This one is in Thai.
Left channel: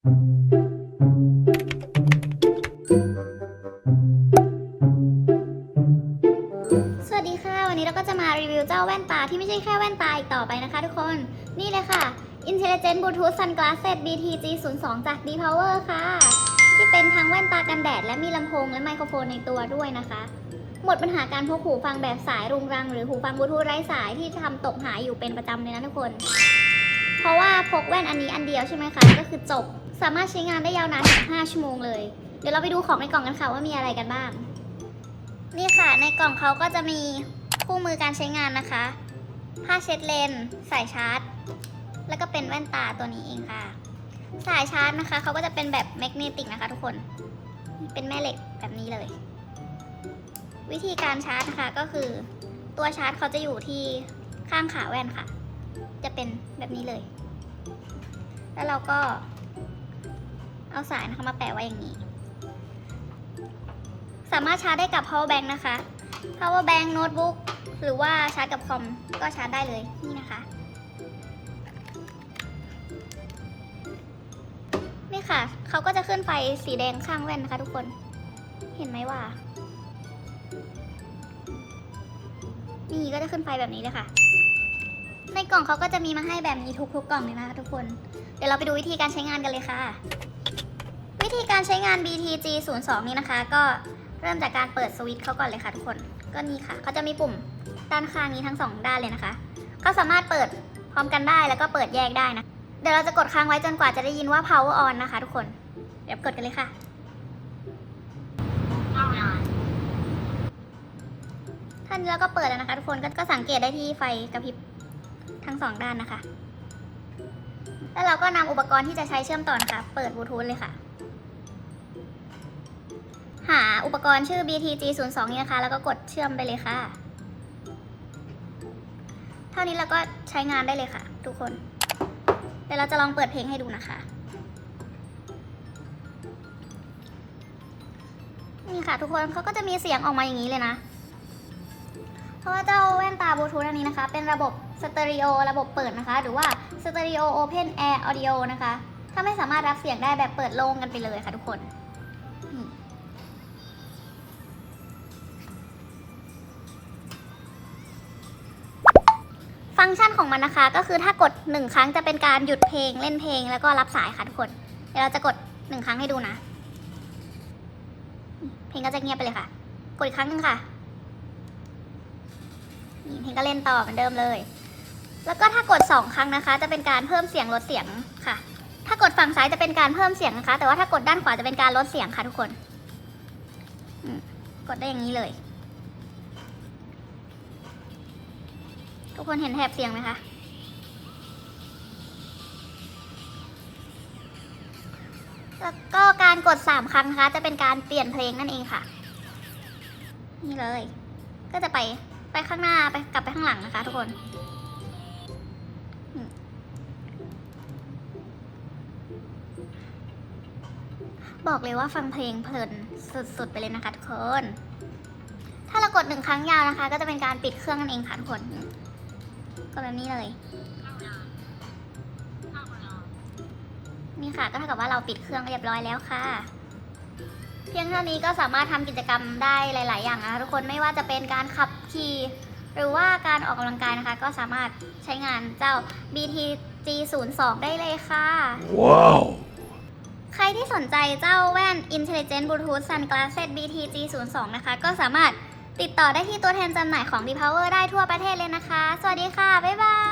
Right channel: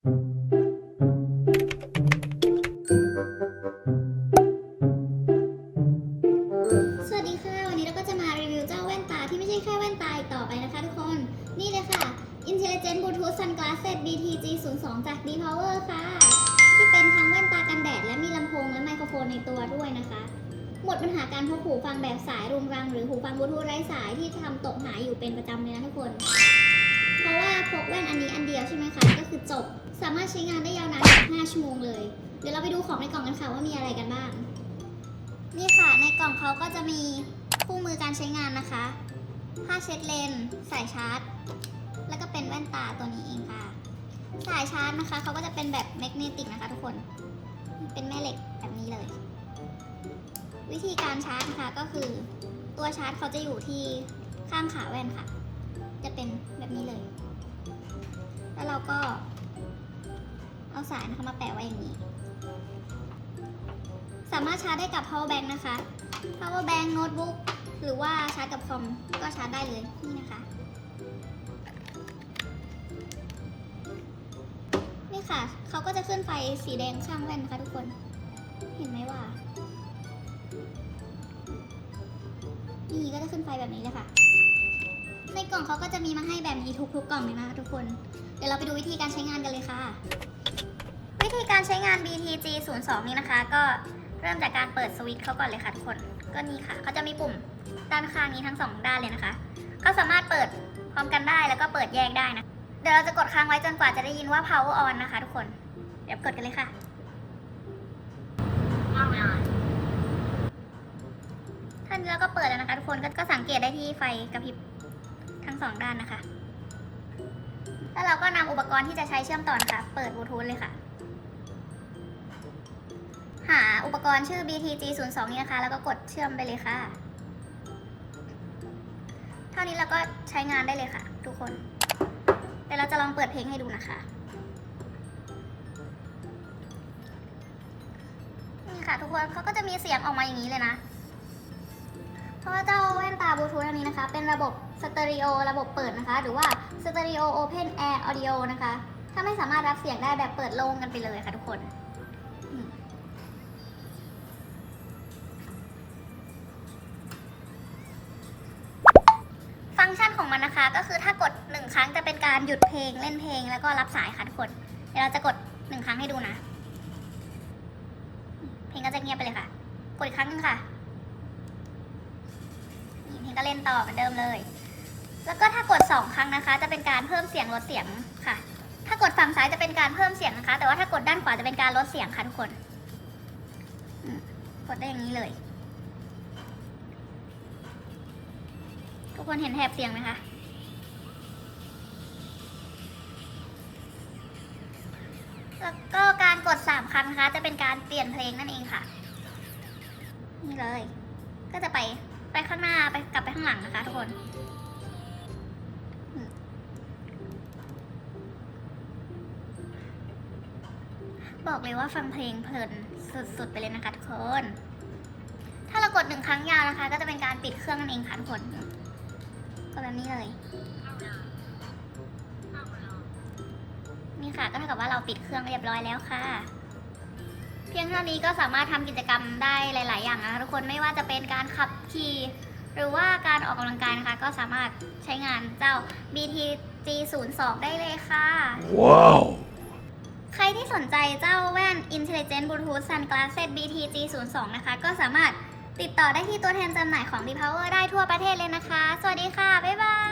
สวัสดีค่ะ วันนี้เราก็จะมารีวิวเจ้าแว่นตาที่ไม่ใช่แค่แว่นตาอีกต่อไปนะคะทุกคน นี่เลยค่ะ Intelligent Bluetooth Sunglasses BTG 0 2จาก D Power ค่ะ ที่เป็นทั้งแว่นตากันแดด และมีลำโพงและไมโครโฟนในตัวด้วยนะคะ หมดปัญหาการพกหูฟังแบบสายรุงรัง หรือหูฟังบลูทูธไร้สายที่ทำตกหายอยู่เป็นประจำเลยนะทุกคน เพราะว่าพกแว่นอันนี้อันเดียวใช่ไหมคะ ก็คือจบ สามารถใช้งานได้ยาวนานถึง5ชั่วโมงเลย เดี๋ยวเราไปดูของในกล่องกันค่ะว่ามีอะไรกันบ้าง นี่ค่ะในกล่องเขาก็จะมีคู่มือการใช้งานนะคะ ผ้าเช็ดเลนส์สายชาร์จ แล้วก็เป็นแว่นตาตัวนี้เองค่ะ สายชาร์จนะคะเขาก็จะเป็นแบบแมกเนติกนะคะทุกคน เป็นแม่เหล็กแบบนี้เลย วิธีการชาร์จนะคะก็คือ ตัวชาร์จเขาจะอยู่ที่ข้างขาแว่นค่ะ จะเป็นแบบนี้เลย แล้วเราก็ เอาสายนะคะมาแปะไว้อย่างนี้ สามารถชาร์จได้กับ power bank นะคะ power bank โน้ตบุ๊กหรือว่าชาร์จกับคอมก็ชาร์จได้เลยนี่นะคะ นี่ค่ะ เขาก็จะขึ้นไฟสีแดงข้างแว่นนะคะทุกคน เห็นไหมว่า นี่ก็จะขึ้นไฟแบบนี้เลยค่ะ ในกล่องเขาก็จะมีมาให้แบบนี้ทุกๆกล่องเลยนะคะทุกคน เดี๋ยวเราไปดูวิธีการใช้งานกันเลยค่ะ ธีการใช้งาน BTG 0 2นี้นะคะ ก็เริ่มจากการเปิดสวิตช์เขาก่อนเลยค่ะทุกคน ก็นี่ค่ะเขาจะมีปุ่มด้านข้างนี้ทั้งสองด้านเลยนะคะเขาสามารถเปิดพร้อมกันได้แล้วก็เปิดแยกได้นะ เดี๋ยวเราจะกดค้างไว้จนกว่าจะได้ยินว่า power on นะคะ ทุกคน เดี๋ยวกดกันเลยค่ะ ท่านแล้วก็เปิดแล้วนะคะ ทุกคนก็ก็สังเกตได้ที่ไฟกระพริบทั้งสองด้านนะคะ แล้วเราก็นำอุปกรณ์ที่จะใช้เชื่อมต่อนะคะ เปิดบลูทูธเลยค่ะ หาอุปกรณ์ชื่อ BTG 0 2นี้นะคะ แล้วก็กดเชื่อมไปเลยค่ะ เท่านี้เราก็ใช้งานได้เลยค่ะ ทุกคน เดี๋ยวเราจะลองเปิดเพลงให้ดูนะคะ นี่ค่ะทุกคนเขาก็จะมีเสียงออกมาอย่างนี้เลยนะ เพราะว่าเจ้าแว่นตาบลูทูธอันนี้นะคะ เป็นระบบสเตอริโอระบบเปิดนะคะ หรือว่าสเตอริโอโอเพนแอร์ออดิโอนะคะ ถ้าไม่สามารถรับเสียงได้แบบเปิดโล่งกันไปเลยค่ะทุกคน ฟังก์ชันของมันนะคะ ก็คือถ้ากดหนึ่งครั้งจะเป็นการหยุดเพลงเล่นเพลงแล้วก็รับสายค่ะทุกคน เดี๋ยวเราจะกดหนึ่งครั้งให้ดูนะ เพลงก็จะเงียบไปเลยค่ะ กดอีกครั้งหนึ่งค่ะเพลงก็เล่นต่อเหมือนเดิมเลย แล้วก็ถ้ากด 2 ครั้งนะคะ จะเป็นการเพิ่มเสียงลดเสียงค่ะ ถ้ากดฝั่งซ้ายจะเป็นการเพิ่มเสียงนะคะ แต่ว่าถ้ากดด้านขวาจะเป็นการลดเสียงค่ะทุกคน กดได้อย่างนี้เลย ทุกคนเห็นแถบเสียงไหมคะ แล้วก็การกด 3 ครั้งนะคะ จะเป็นการเปลี่ยนเพลงนั่นเองค่ะ นี่เลย ก็จะไปไปข้างหน้าไปกลับไปข้างหลังนะคะ ทุกคนบอกเลยว่าฟังเพลงเพลินสุดๆไปเลยนะคะทุกคน ถ้าเรากดหนึ่งครั้งยาวนะคะ ก็จะเป็นการปิดเครื่องนั่นเองค่ะทุกคน ก็แบบนี้เลย นี่ค่ะก็เท่ากับว่าเราปิดเครื่องเรียบร้อยแล้วค่ะ เพียงเท่านี้ก็สามารถทำกิจกรรมได้หลาย ๆ อย่างนะคะทุกคนไม่ว่าจะเป็นการขับขี่หรือว่าการออกกำลังกายนะคะ ก็สามารถใช้งานเจ้า BTG 0 2ได้เลยค่ะ Wow. ใครที่สนใจเจ้าแว่น Intelligent Bluetooth Sunglasses BTG 0 2นะคะ ก็สามารถ ติดต่อได้ที่ตัวแทนจำหน่ายของ B Power ได้ทั่วประเทศเลยนะคะ สวัสดีค่ะ บ๊ายบาย